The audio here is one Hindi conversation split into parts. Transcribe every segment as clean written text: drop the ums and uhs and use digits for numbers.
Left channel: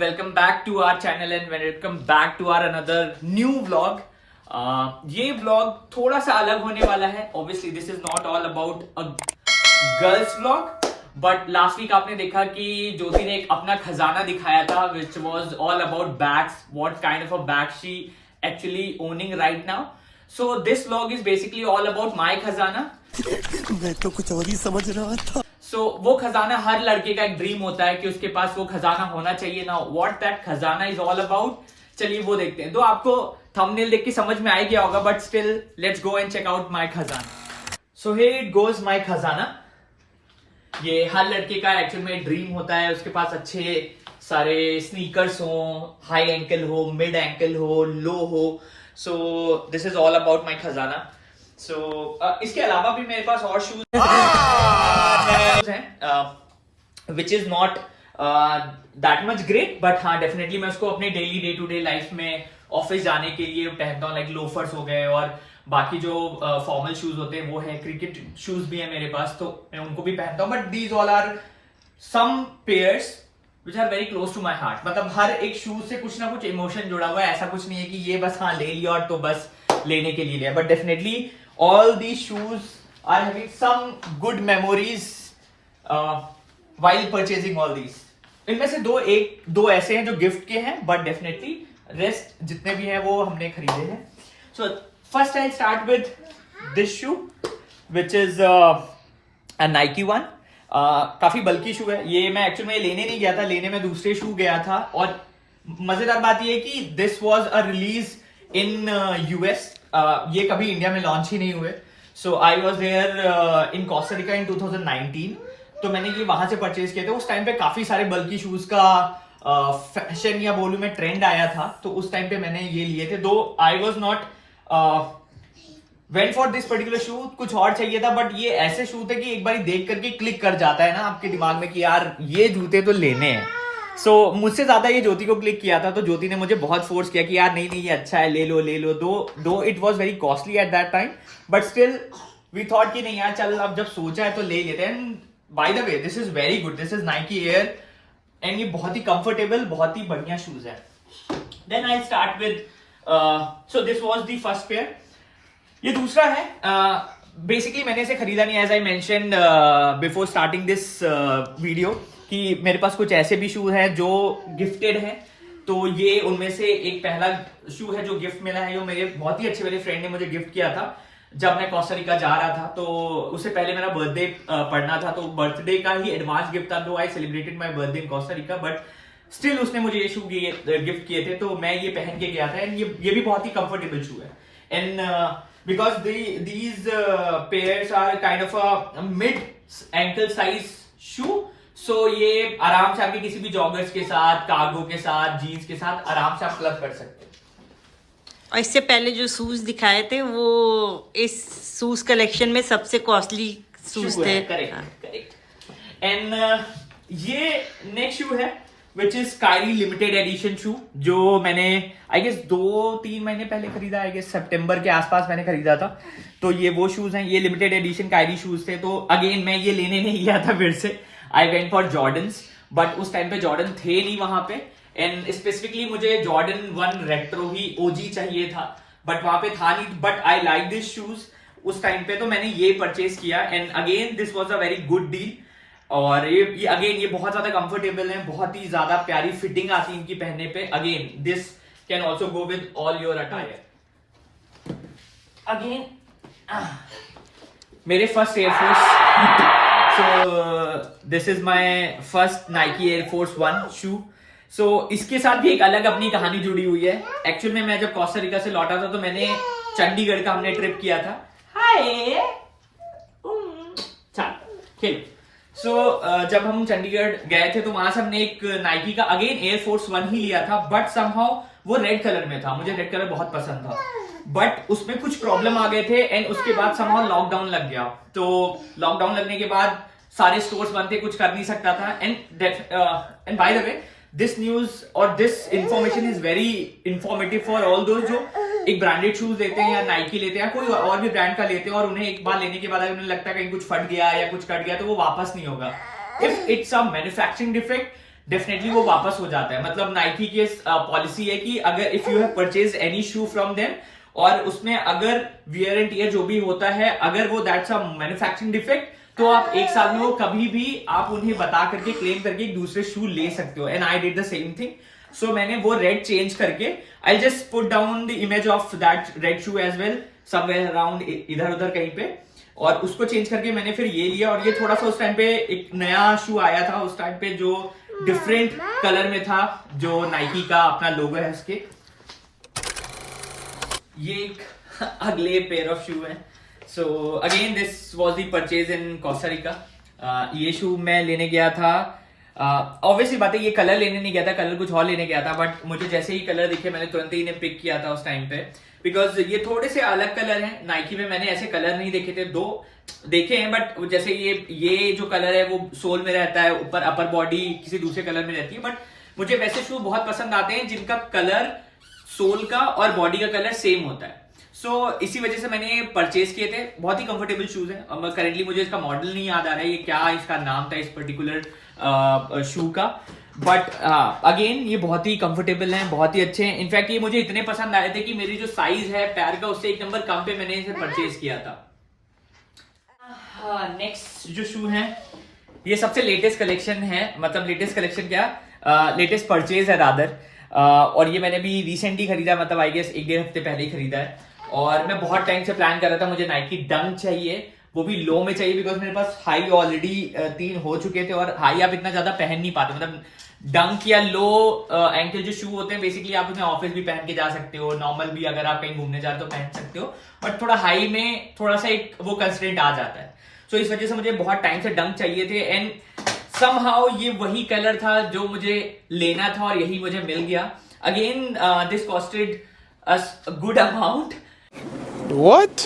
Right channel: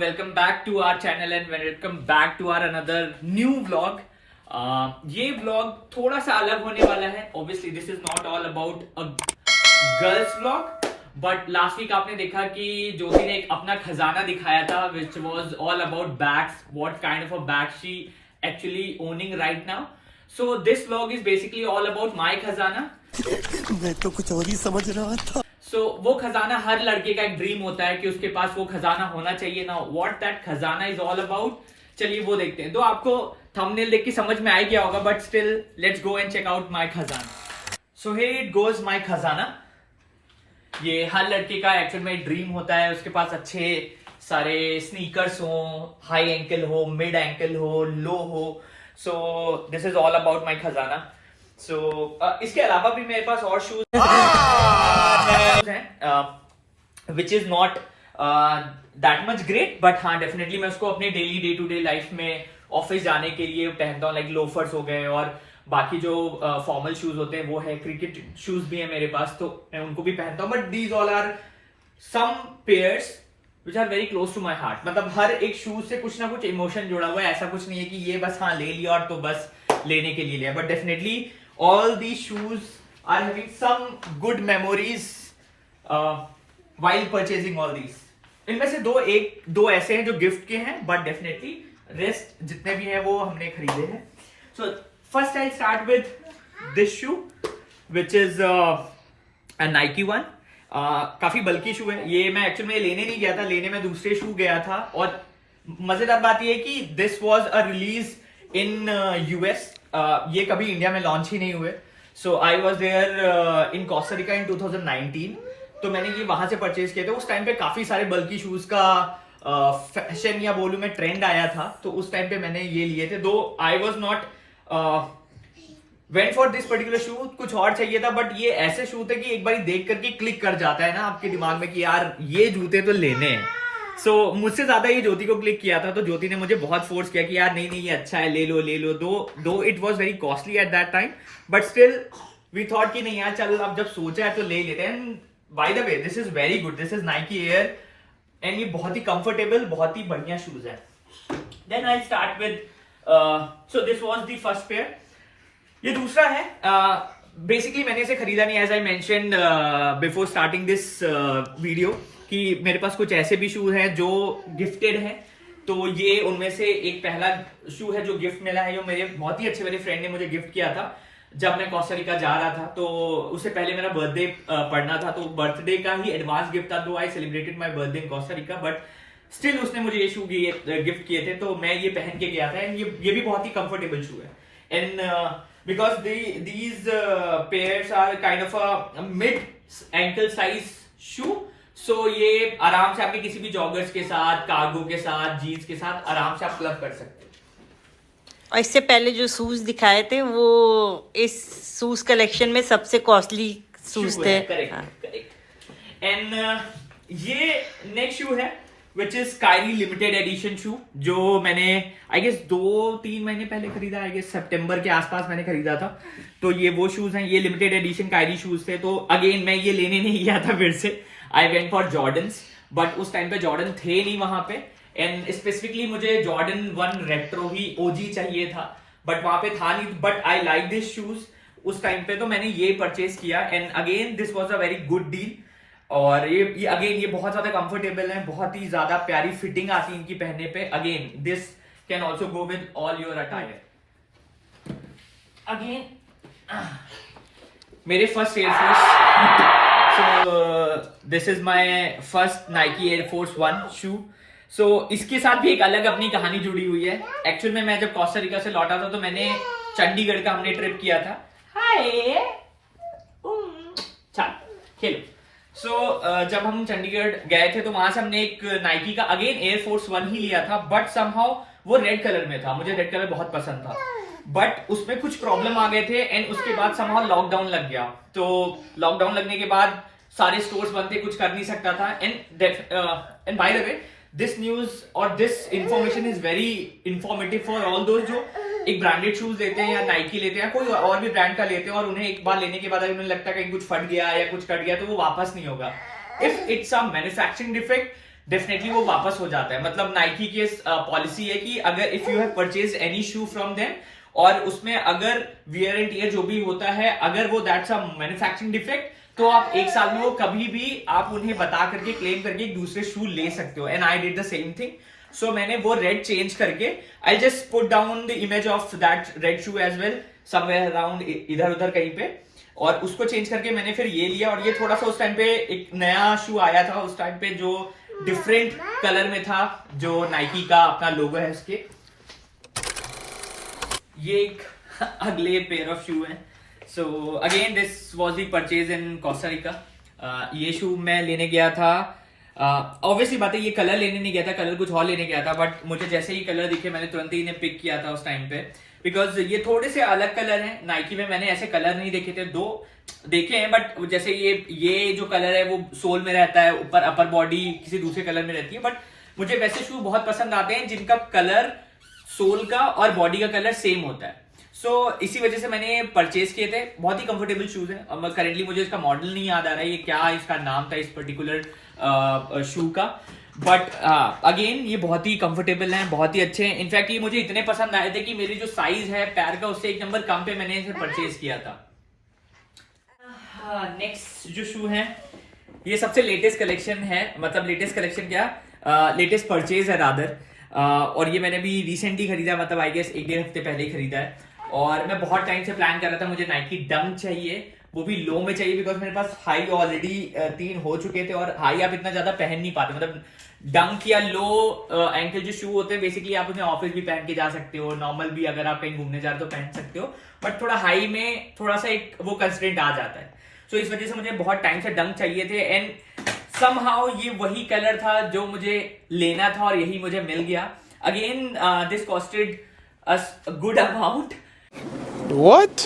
welcome back to our channel and welcome back to our another new vlog. ये vlog थोड़ा सा अलग होने वाला है. Obviously this is not all about a girls vlog, but last week आपने देखा कि ज्योति ने एक अपना खजाना दिखाया था, which was all about bags, what kind of a bag she actually owning right now. So this vlog is basically all about my खजाना. मैं तो कुछ और ही समझ रहा था. So, वो खजाना हर लड़के का एक ड्रीम होता है कि उसके पास वो खजाना होना चाहिए ना. व्हाट दैट खजाना इज ऑल अबाउट, चलिए वो देखते हैं. तो आपको थंबनेल देख के समझ में आ गया होगा, but still let's go and check out my खजाना. So here it goes my खजाना. ये हर लड़के का एक्चुअल में ड्रीम होता है, उसके पास अच्छे सारे स्नीकर्स हो, हाई एंकल हो, मिड एंकल हो, लो हो. So this is all about my खजाना. सो इसके अलावा भी मेरे पास और शूज हैं which is not that much great, but हाँ डेफिनेटली मैं उसको अपने daily day to day life में ऑफिस जाने के लिए पहनता हूँ. लाइक लोफर्स हो गए और बाकी जो फॉर्मल शूज होते हैं वो है. क्रिकेट शूज भी है मेरे पास तो मैं उनको भी पहनता हूँ. But these all are some pairs which are very close to my heart. मतलब हर एक शूज से कुछ ना कुछ इमोशन जुड़ा हुआ है. ऐसा कुछ नहीं है कि ये बस हाँ ले लिया और तो बस लेने के लिए लिया. But definitely all these shoes are having some good memories while purchasing all these. इनमें से दो ऐसे हैं जो गिफ्ट के हैं, बट डेफिनेटली रेस्ट जितने भी हैं वो हमने खरीदे हैं. So first I start with this shoe which is a Nike one. काफी बल्कि शू है ये. मैं एक्चुअली में लेने नहीं गया था, लेने में दूसरे शू गया था. और मजेदार बात ये है कि this was a release in US. ये कभी इंडिया में लॉन्च ही नहीं हुए. So I was there in Costa Rica in 2019. तो मैंने ये वहां से परचेज किए थे. उस टाइम पे काफी सारे बल्कि शूज का फैशन या बोलूं मैं ट्रेंड आया था, तो उस टाइम पे मैंने ये लिए थे. Though I was not went for this particular shoe. कुछ और चाहिए था, बट ये ऐसे शू थे कि एक बार देख करके क्लिक कर जाता है ना आपके दिमाग में कि यार ये जूते तो लेने हैं. सो मुझसे ज्यादा ये ज्योति को क्लिक किया था, तो ज्योति ने मुझे बहुत फोर्स किया कि यार नहीं नहीं ये अच्छा है, ले लो ले लो. Though it was very costly at that time, but still we thought कि नहीं यार चल अब जब सोचा है तो ले लेते हैं. By the way this is very good. This is Nike Air and ये बहुत ही कंफर्टेबल, बहुत ही बढ़िया शूज है. Then I start with so this was the first pair. ये दूसरा है. बेसिकली मैंने इसे खरीदा नहीं, as I mentioned before starting this video, कि मेरे पास कुछ ऐसे भी शू हैं जो गिफ्टेड हैं. तो ये उनमें से एक पहला शू है जो गिफ्ट मिला है. ये मेरे बहुत ही अच्छे मेरे फ्रेंड ने मुझे गिफ्ट किया था जब मैं कोस्टा रिका जा रहा था. तो उससे पहले मेरा बर्थडे पड़ना था, तो बर्थडे का ही एडवांस गिफ्ट था. दो I celebrated my birthday in Costa Rica, but still उसने मुझे ये शू गिफ्ट किए थे, तो मैं ये पहन के गया था. एंड ये भी बहुत ही कंफर्टेबल शू है. And because these pairs are kind of a mid ankle size shoe. So ये आराम से आपके किसी भी जॉगर्स के साथ, कार्गो के साथ, जीन्स के साथ आराम से आप क्लब कर सकते हैं. और इससे पहले जो शूज दिखाए थे वो इस शूज कलेक्शन में सबसे कॉस्टली शूज थे. करेक्ट. एंड ये नेक्स्ट शू है which is Kairi limited edition शू, जो मैंने आई गेस 2-3 महीने पहले खरीदा. आई गेस सितंबर के आसपास मैंने खरीदा था. तो ये वो शूज हैं. ये लिमिटेड एडिशन कायरी शूज थे. तो अगेन मैं ये लेने नहीं गया था फिर से. I went for Jordans, but उस टाइम पे जॉर्डन थे नहीं वहां पे. एंड स्पेसिफिकली मुझे जॉर्डन 1 रेट्रो ही ओजी चाहिए था, बट वहां पे था नहीं. But I like this shoes उस टाइम पे, तो मैंने ये परचेज किया. And again this was a very good deal. और ये अगेन ये बहुत ज्यादा कंफर्टेबल है, बहुत ही ज्यादा प्यारी फिटिंग आती है इनकी पहनने पे. Again this can also go with all your attire. Again मेरे first Air Force. So this is my first Nike Air Force 1 shoe. So इसके साथ भी एक अलग अपनी कहानी जुड़ी हुई है. एक्चुअल में मैं जब कोस्टा रिका से लौटा था तो मैंने चंडीगढ़ का हमने ट्रिप किया था. हाय चल खेलो. सो जब हम चंडीगढ़ गए थे तो वहां से हमने एक नाइकी का अगेन एयर फोर्स 1 ही लिया था, बट समहाउ वो रेड कलर में था. मुझे रेड कलर बहुत पसंद था, बट उसमें कुछ प्रॉब्लम आ गए थे. एंड उसके बाद समहाउ लॉकडाउन लग गया. तो लॉकडाउन लगने के बाद सारे स्टोर्स बंद थे, कुछ कर नहीं सकता था. And by the way this news और this information is very informative for all those जो एक ब्रांडेड शूज लेते हैं या नाइकी लेते हैं, कोई और भी ब्रांड का लेते हैं, और उन्हें एक बार लेने के बाद अगर उन्हें लगता है कहीं कुछ फट गया या कुछ कट गया तो वो वापस नहीं होगा. If it's a manufacturing defect definitely वो वापस हो जाता है. मतलब नाइकी की पॉलिसी है कि अगर if you have purchase any shoe from them और उसमें अगर वियर एंड टीयर जो भी होता है, अगर वो दैट्स अ मैन्युफैक्चरिंग डिफेक्ट, तो आप 1 साल में वो कभी भी आप उन्हें बता करके क्लेम करके एक दूसरे शू ले सकते हो. And I did the same thing. So मैंने वो रेड चेंज करके, I just put down the image of that red shoe as well somewhere around, इधर उधर कहीं पे, और उसको चेंज करके मैंने फिर ये लिया. और ये थोड़ा सा उस टाइम पे एक नया शू आया था उस टाइम पे जो डिफरेंट कलर में था, जो नाइकी का अपना लोगो है उसके. ये एक अगले पेयर ऑफ शू है. So again this was the purchase in Costa Rica. ये शू मैं लेने गया था, ऑब्वियसली बात है ये कलर लेने नहीं गया था, कलर कुछ और लेने गया था, बट मुझे जैसे ही कलर दिखे मैंने तुरंत ही इन्हें पिक किया था उस टाइम पे, बिकॉज ये थोड़े से अलग कलर हैं. नाइकी में मैंने ऐसे कलर नहीं देखे थे, 2 देखे हैं, बट जैसे ये जो कलर है वो सोल में रहता है, ऊपर अपर बॉडी किसी दूसरे कलर में रहती है. बट मुझे वैसे शू बहुत पसंद आते हैं जिनका कलर सोल का और बॉडी का कलर सेम होता है. सो इसी वजह से मैंने परचेज किए थे. बहुत ही कंफर्टेबल शूज है. अब करेंटली मुझे इसका मॉडल नहीं याद आ रहा है, ये क्या इसका नाम था इस पर्टिकुलर शू का, बट अगेन ये बहुत ही कंफर्टेबल हैं, बहुत ही अच्छे हैं. इनफैक्ट ये मुझे इतने पसंद आए थे कि मेरी जो साइज है पैर का उससे 1 नंबर कम पे मैंने इसे परचेज किया था. नेक्स्ट जो शू है ये सबसे लेटेस्ट कलेक्शन है. मतलब लेटेस्ट कलेक्शन क्या, लेटेस्ट परचेज है रादर. और ये मैंने भी रिसेंटली खरीदा, मतलब आई गेस 1-1.5 हफ्ते पहले ही खरीदा है. और मैं बहुत टाइम से प्लान कर रहा था, मुझे नाइकी डंक चाहिए, वो भी लो में चाहिए, बिकॉज मेरे पास हाई ऑलरेडी 3 हो चुके थे, और हाई आप इतना ज्यादा पहन नहीं पाते. मतलब डंक या लो एंकल जो शू होते हैं बेसिकली आप उसमें ऑफिस भी पहन के जा सकते हो, नॉर्मल भी अगर आप कहीं घूमने जा रहे हो तो पहन सकते हो, बट थोड़ा हाई में थोड़ा सा एक वो कंस्ट्रेंट आ जाता है. सो इस वजह से मुझे बहुत टाइम से डंक चाहिए थे. एंड समहाउ ये वही कलर था जो मुझे लेना था और यही मुझे मिल गया. Again this costed us a good amount. What?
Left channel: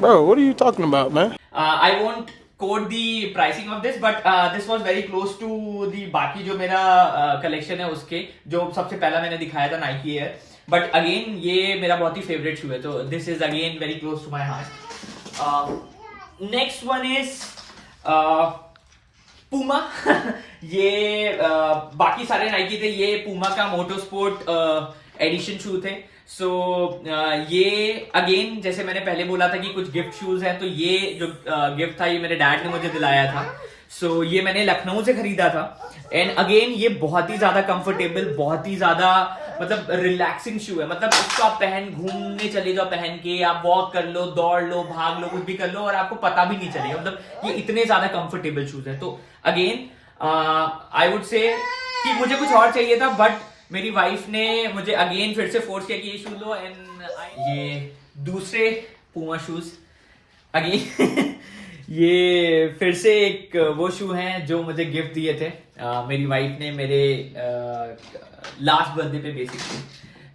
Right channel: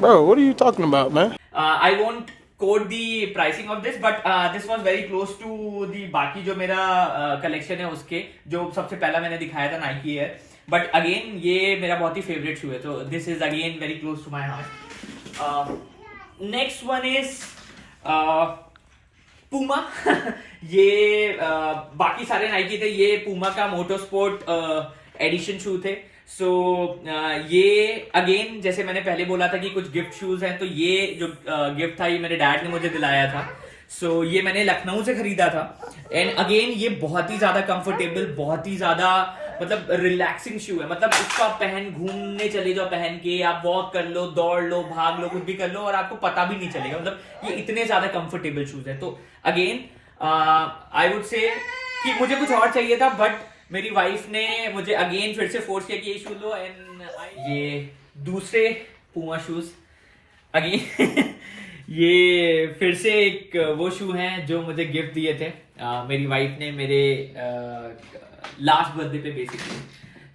Bro, what are you talking about, man? I won't quote the pricing of this, but this was very close to the बाकी जो मेरा कलेक्शन है उसके, जो सबसे पहला मैंने दिखाया था नाइकी एयर. बट अगेन ये मेरा बहुत ही फेवरेट शू है, तो this is again very close to my heart. Next one is Puma. ये बाकी सारे नाइकी थे, ये पूमा का मोटो स्पोर्ट एडिशन शू थे. सो ये अगेन जैसे मैंने पहले बोला था कि कुछ गिफ्ट शूज हैं, तो ये जो गिफ्ट था ये मेरे डैड ने मुझे दिलाया था. सो ये मैंने लखनऊ से खरीदा था. एंड अगेन ये बहुत ही ज्यादा कंफर्टेबल, बहुत ही ज्यादा मतलब रिलैक्सिंग शू है. मतलब इसको आप पहन घूमने चले जाओ, पहन के आप वॉक कर लो, दौड़ लो, भाग लो, कुछ भी कर लो और आपको पता भी नहीं चलेगा. मतलब ये इतने ज्यादा कंफर्टेबल शूज है. तो अगेन आई वुड से कि मुझे कुछ और चाहिए था, बट मेरी वाइफ ने मुझे अगेन फिर से फोर्स किया कि ये शू लो. एंड ये दूसरे पूमा शूज अगेन ये फिर से एक वो शू हैं जो मुझे गिफ्ट दिए थे मेरी वाइफ ने मेरे लास्ट बर्थडे पे बेसिकली.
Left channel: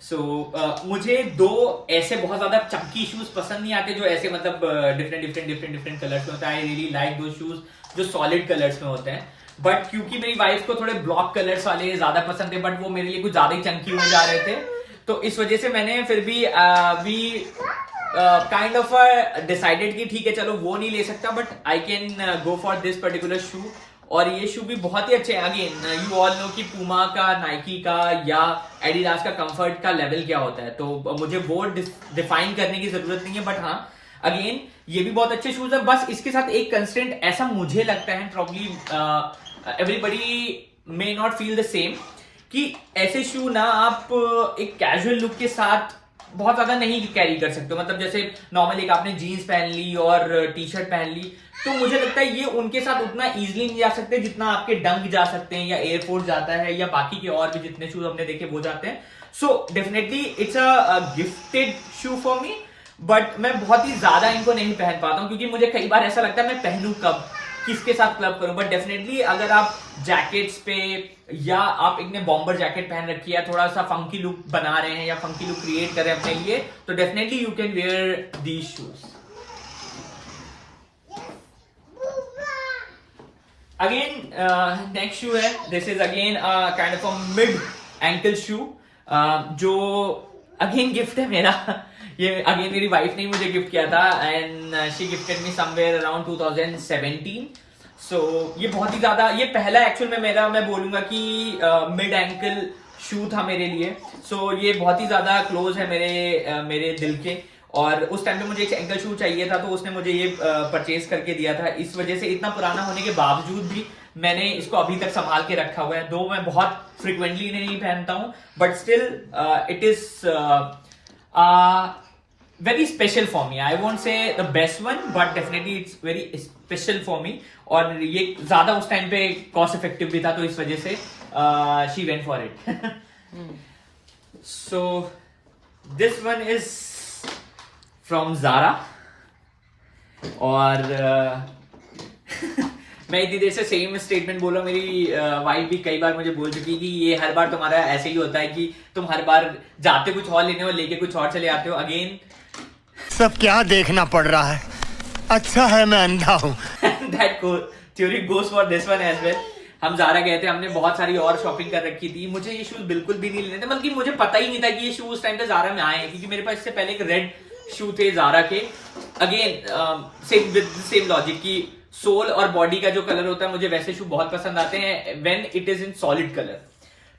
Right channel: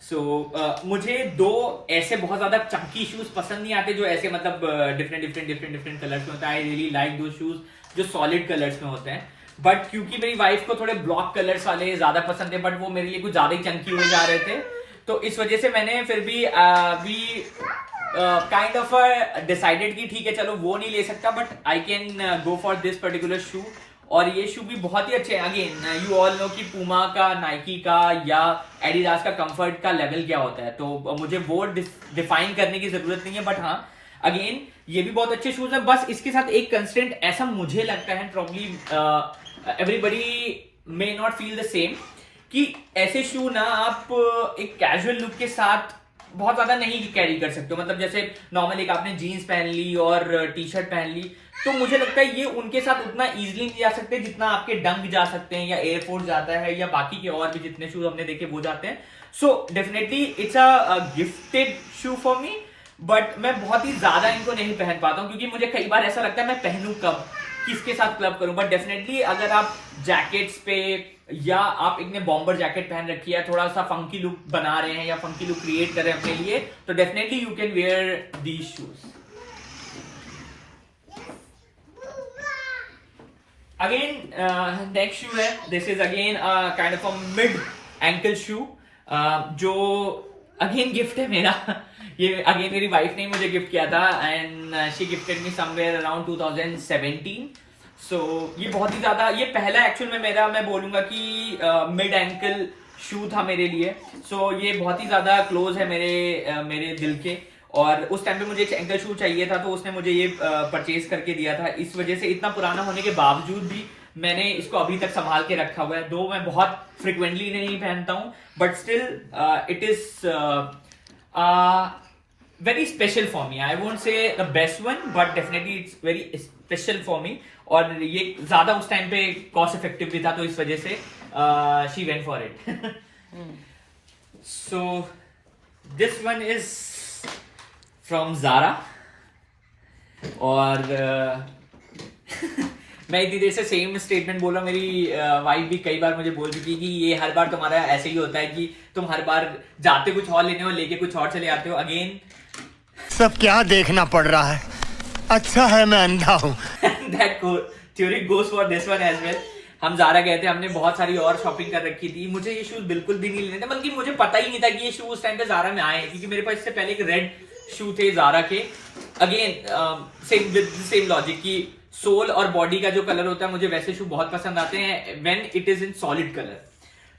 सो मुझे 2 ऐसे बहुत ज्यादा चंकी शूज पसंद नहीं आते, जो ऐसे मतलब डिफरेंट कलर्स में होता है. I really like those shoes जो सॉलिड कलर्स में होते हैं. बट क्योंकि मेरी वाइफ को थोड़े ब्लॉक कलर्स वाले ज्यादा पसंद थे, बट वो मेरे लिए कुछ ज्यादा ही चंकी हो जा रहे थे, तो इस वजह से मैंने फिर भी काइंड ऑफ डिसाइडेड कि ठीक है चलो वो नहीं ले सकता, but I can go for this particular shoe. और ये शू भी बहुत ही अच्छे हैं. अगेन यू ऑल नो कि पूमा का, नाइकी का या एडिडास का कंफर्ट का लेवल क्या होता है, तो मुझे वो डिफाइन करने की जरूरत नहीं है. बट हाँ अगेन ये भी बहुत अच्छे शूज है. बस इसके साथ एक कंस्टेंट ऐसा मुझे लगता है, probably everybody may not feel the same, कि ऐसे शू ना आप एक कैजुअल लुक के साथ बहुत ज्यादा नहीं कैरी कर सकते हो. मतलब जैसे नॉर्मल एक आपने जीन्स पहन ली और टी शर्ट पहन ली, तो मुझे लगता है ये उनके साथ उतना इजीली नहीं जा सकते जितना आपके डंक जा सकते हैं या एयरफोर्स जाता है या बाकी के और भी जितने शूज हमने देखे वो जाते हैं. So definitely it's a gifted shoe for me, but मैं बहुत ही ज्यादा इनको नहीं पहन पाता हूँ, क्योंकि मुझे कई बार ऐसा लगता है मैं पहनूं कब, किसके साथ क्लब करूं. बट डेफिनेटली अगर आप जैकेट्स पे या आप एक ने बॉम्बर जैकेट पहन रखी है, थोड़ा सा फंकी लुक बना रहे हैं या फंकी लुक क्रिएट कर रहे हैं अपने लिए, तो definitely you can wear these shoes. Again next shoe है, this is again kind of a mid ankle shoe, जो अगेन गिफ्ट है मेरा. ये अगेन मेरी वाइफ ने मुझे गिफ्ट किया था, and she gifted me somewhere around 2017. सो ये बहुत ही ज्यादा, ये पहला एक्चुअल में मेरा, मैं बोलूंगा कि मिड एंकल शू था मेरे लिए। सो ये बहुत ही ज्यादा क्लोज है मेरे दिल के। और उस टाइम पे मुझे एक एंकल शू चाहिए था, तो उसने मुझे ये परचेज करके दिया था। इस वजह से इतना पुराना होने के बावजूद भी मैंने इसको अभी तक संभाल के रखा हुआ है। दो मैं बहुत फ्रिक्वेंटली नहीं पहनता हूँ, but still it is very special for me. I won't say the best one, but definitely it's very special for me. और ये ज्यादा उस टाइम पे कॉस्ट इफेक्टिव भी था, तो इस वजह से she went for it. So this one is from Zara. और मैं इतनी देर से सेम स्टेटमेंट बोल रहा हूँ। मेरी वाइफ भी कई बार मुझे बोल चुकी कि ये हर बार तुम्हारा ऐसे ही होता है कि तुम हर बार जाते कुछ और लेने हो, लेके कुछ और चले आते हो। अगेन सब क्या देखना पड़ रहा है, अच्छा है मैं अंधा हूँ। that theory goes for this one as well. हम ज़ारा गए थे, हमने बहुत सारी और शॉपिंग कर रखी थी। मुझे ये शूज बिल्कुल भी नहीं लेने थे, बल्कि मुझे पता ही नहीं था कि ये शूज टाइम पे ज़ारा में आए हैं, क्योंकि मेरे पास इससे पहले एक रेड शू थे ज़ारा के। Again same with same logic की सोल और बॉडी का जो कलर होता है, मुझे वैसे शू बहुत पसंद आते हैं when it is in solid colour.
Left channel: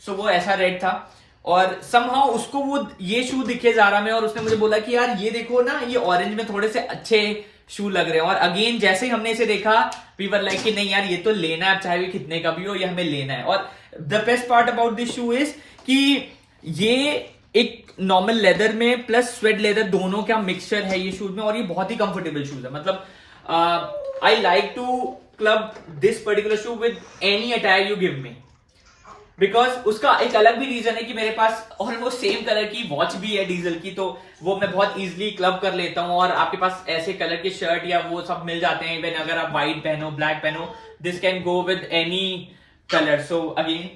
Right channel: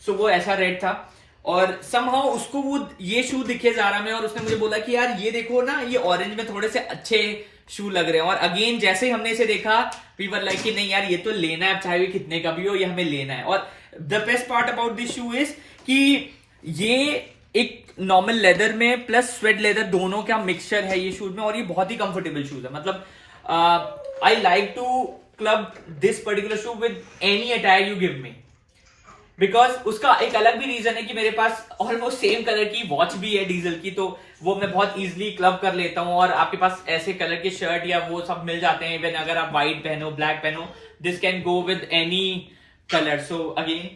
So वो ऐसा रेड था, और समहाउ उसको वो ये शू दिखे ज़ारा में, और उसने मुझे बोला कि यार ये देखो ना, ये ऑरेंज में थोड़े से अच्छे शू लग रहे हैं। और अगेन जैसे ही हमने इसे देखा, वी वर लाइक कि नहीं यार ये तो लेना है, चाहे वो कितने का भी हो, ये हमें लेना है। और the best part about this shoe is कि ये एक नॉर्मल लेदर में प्लस स्वेट लेदर दोनों का मिक्सचर है ये शूज में, और ये बहुत ही कंफर्टेबल शूज है। मतलब I like to club this particular shoe with any attire you give me, because उसका एक अलग भी रीजन है कि मेरे पास ऑलमोस्ट सेम कलर की वॉच भी है डीजल की, तो वो मैं बहुत इजीली क्लब कर लेता हूँ। और आपके पास ऐसे कलर के शर्ट या वो सब मिल जाते हैं, इवन अगर आप व्हाइट पहनो, ब्लैक पहनो, this can go with any colour. So again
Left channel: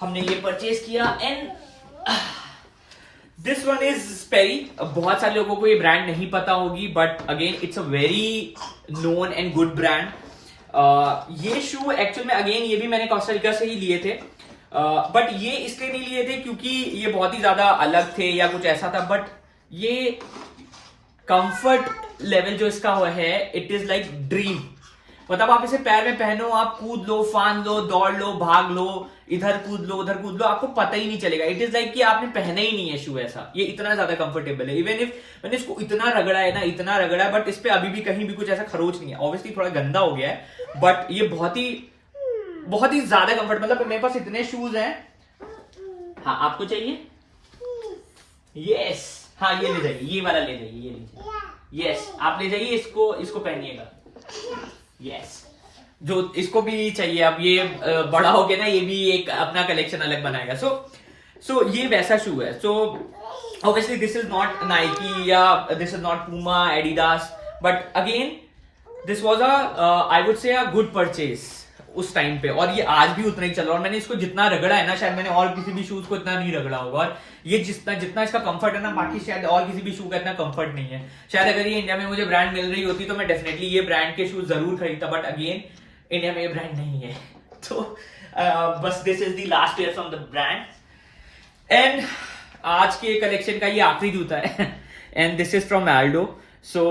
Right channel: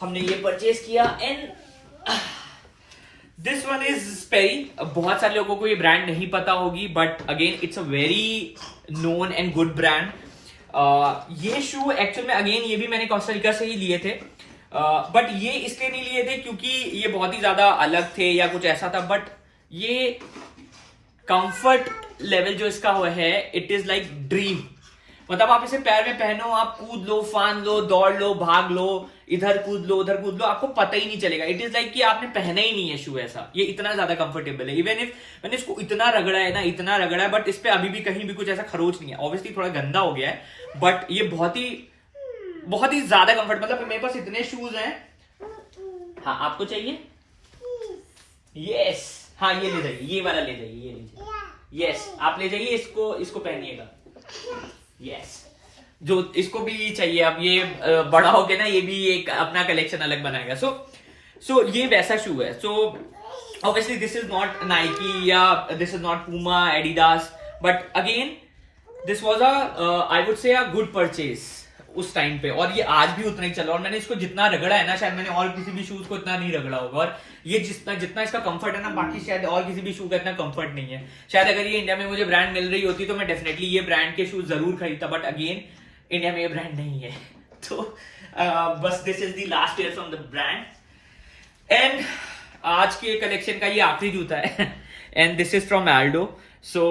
हमने ये परचेज किया, एंड दिस वन इज स्पेरी। बहुत सारे लोगों को ये ब्रांड नहीं पता होगी, but again it's a very known and good brand. ये शू एक्चुअल में अगेन ये भी मैंने कोस्टा से ही लिए थे, बट ये इसलिए नहीं लिए थे क्योंकि ये बहुत ही ज्यादा अलग थे या कुछ ऐसा था, बट ये कंफर्ट लेवल जो इसका है, इट इज लाइक ड्रीम। मतलब आप इसे पैर में पहनो, आप कूद लो, फान लो, दौड़ लो, भाग लो, इधर कूद लो, उधर कूद लो, आपको पता ही नहीं चलेगा। इट इज लाइक कि आपने पहना ही नहीं है शू ऐसा। ये इतना ज्यादा कंफर्टेबल है। इवन इफ मैंने इसको इतना रगड़ा है ना, इतना रगड़ा है, बट इस पे अभी भी कहीं भी कुछ ऐसा खरोच नहीं है। ऑब्वियसली थोड़ा गंदा हो गया है, बट ये बहुत ही ज्यादा कंफर्ट। मतलब मेरे पास इतने शूज हैं। हाँ आपको चाहिए? यस, हाँ ये ले जाइए, ये वाला ले जाइए, ये लीजिए। यस आप ले जाइए, इसको पहनिएगा। यस जो इसको भी चाहिए, अब ये बड़ा हो के ना ये भी एक अपना कलेक्शन अलग बनाएगा। सो ये वैसा शू है। So obviously this is not Nike या this is not Puma, Adidas, but again this was I would say a good purchase उस टाइम पे, और ये आज भी उतना ही चल रहा है। और मैंने इसको जितना रगड़ा है ना, शायद मैंने और किसी भी शूज को इतना नहीं रगड़ा होगा। और ये जितना इसका कंफर्ट है ना, बाकी शायद और किसी भी शू का इतना कंफर्ट नहीं है। शायद अगर ये इंडिया में मुझे ब्रांड मिल रही होती तो मैं डेफिनेटली ये ब्रांड के शूज जरूर खरीदता, बट अगेन इंडिया में ये ब्रांड नहीं है। तो बस this is the last year from the brand, and आज के कलेक्शन का ये आखिरी जूता है, and this is from Aldo. So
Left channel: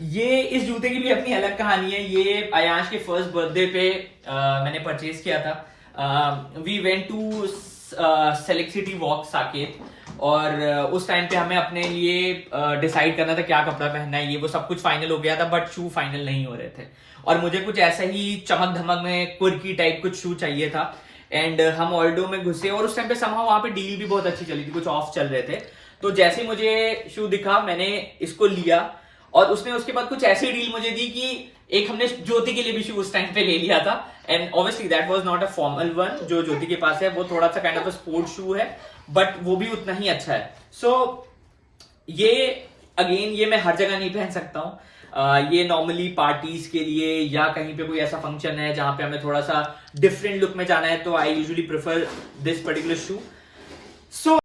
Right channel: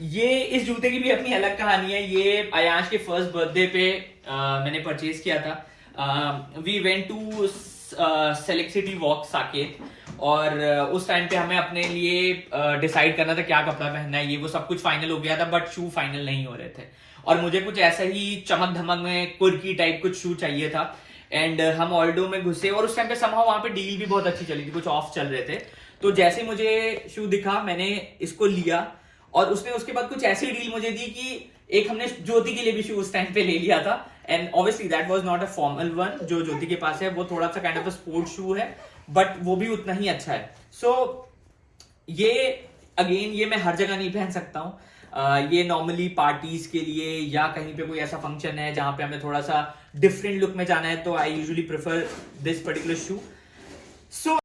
ये इस जूते की भी अपनी अलग कहानी है। ये अयांश के फर्स्ट बर्थडे पे मैंने परचेज किया था। We went to Select City Walk Saket, और उस टाइम पे हमें अपने लिए डिसाइड करना था क्या कपड़ा पहनना है। ये वो सब कुछ फाइनल हो गया था, बट शू फाइनल नहीं हो रहे थे, और मुझे कुछ ऐसा ही चमक धमक में कुर्की टाइप कुछ शू चाहिए था। एंड हम ऑल्डो में घुसे, और उस टाइम पे समहाउ वहां पे डील भी बहुत अच्छी चली थी, कुछ ऑफ चल रहे थे। तो जैसे ही मुझे शू दिखा, मैंने इसको लिया, और उसने उसके बाद कुछ ऐसी डील मुझे दी कि एक हमने ज्योति के लिए भी शू उस टाइम पे ले लिया था, and obviously that was not a formal one. जो ज्योति के पास है वो थोड़ा सा kind of a sport shoe है, बट वो भी उतना ही अच्छा है। सो ये अगेन ये मैं हर जगह नहीं पहन सकता हूँ। ये नॉर्मली पार्टीज के लिए या कहीं पे कोई ऐसा फंक्शन है जहां पे हमें थोड़ा सा डिफरेंट लुक में जाना है, तो I usually prefer this particular shoe. So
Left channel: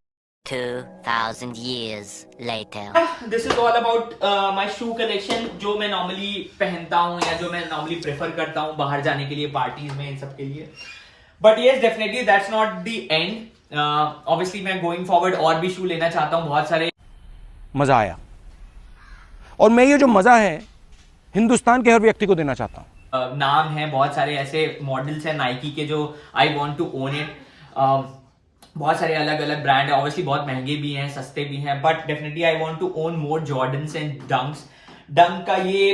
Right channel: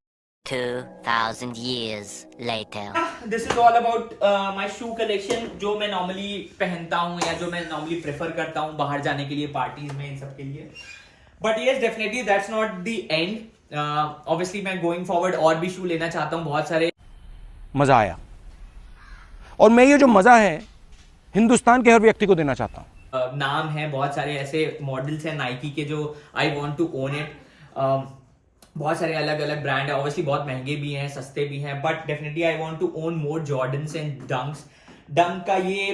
2000 years later. This is all about my shoe collection, जो मैं नॉर्मली पहनता हूँ या जो मैं नॉर्मली प्रेफर करता हूँ बाहर जाने के लिए, पार्टीज में, इन सब के लिए। But yes definitely that's not the end. Obviously मैं गोइंग फॉरवर्ड और भी शू लेना चाहता हूँ, बहुत सारे। मज़ा आया, और मैं ये जो मज़ा है हिंदुस्तान के हर व्यक्ति को देना चाहता हूँ। नाम है, बहुत सारे ऐसे मॉडल्स हैं नाइकी के जो I want to own it. बहुत सारे अलग अलग ब्रांड है, ऑब्वियसली बहुत महंगे भी हैं, सस्ते भी हैं, but definitely I want to own more Jordans and Dunks. Dunk का ये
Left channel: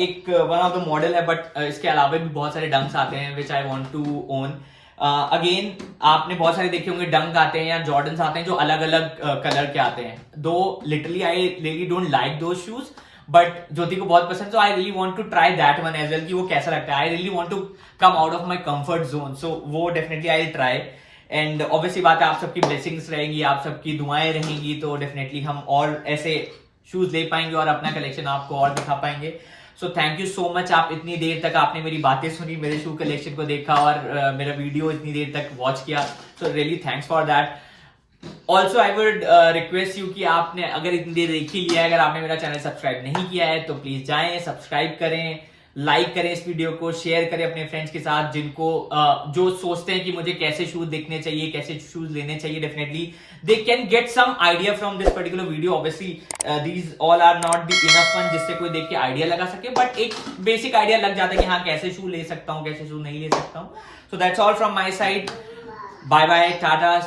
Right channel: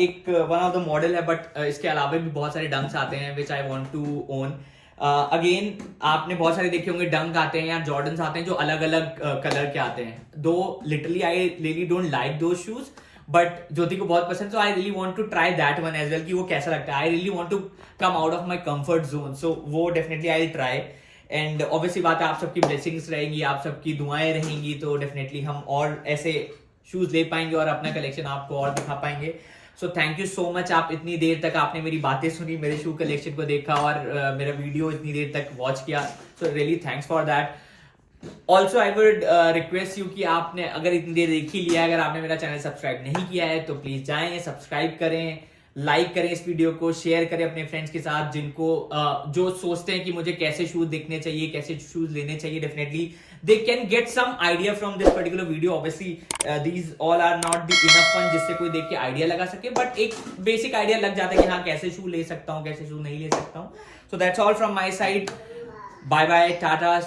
एक वन ऑफ द मॉडल है, बट इसके अलावा भी बहुत सारे डंक्स आते हैं which I want to own. Again आपने बहुत सारे देखे होंगे डंक आते हैं या जॉर्डन्स आते हैं जो अलग अलग कलर के आते हैं। Though literally I really don't like those shoes, but Jyoti को बहुत पसंद, so I really want to try that one as well कि वो कैसा लगता है। I really want to come out of my comfort zone, so वो definitely I try. And obviously बात है, आप सबकी ब्लेसिंग्स रहेंगी, आप सबकी दुआएं रहेंगी, तो डेफिनेटली हम और ऐसे शूज ले पाएंगे और अपना कलेक्शन आपको और दिखा पाएंगे। So thank you so much, आप इतनी देर तक आपने मेरी बातें सुनी, मेरे शू कलेक्शन को देखा और मेरा वीडियो इतनी देर तक वॉच किया, so really thanks for that. Also I would request you कि आपने अगर इतनी देर देख ही लिया है, अगर आपने मेरा चैनल सब्सक्राइब नहीं किया है तो प्लीज जाएं, सब्सक्राइब करें, लाइक करें इस वीडियो को, शेयर करें अपने फ्रेंड्स के साथ जिनको जो सोचते हैं कि मुझे कैसे शूज देखने चाहिए, कैसे शूज लेने चाहिए। Definitely they can get some idea from this particular video. Obviously these all are not the enough one जिससे कोई देख के आइडिया लगा सके, बट एक बेसिक आइडिया लग जाता है कि हाँ कैसे शू ले सकता हूँ, कैसे शू नहीं ले सकता हूँ। So that's all from my side, bye bye, Tata.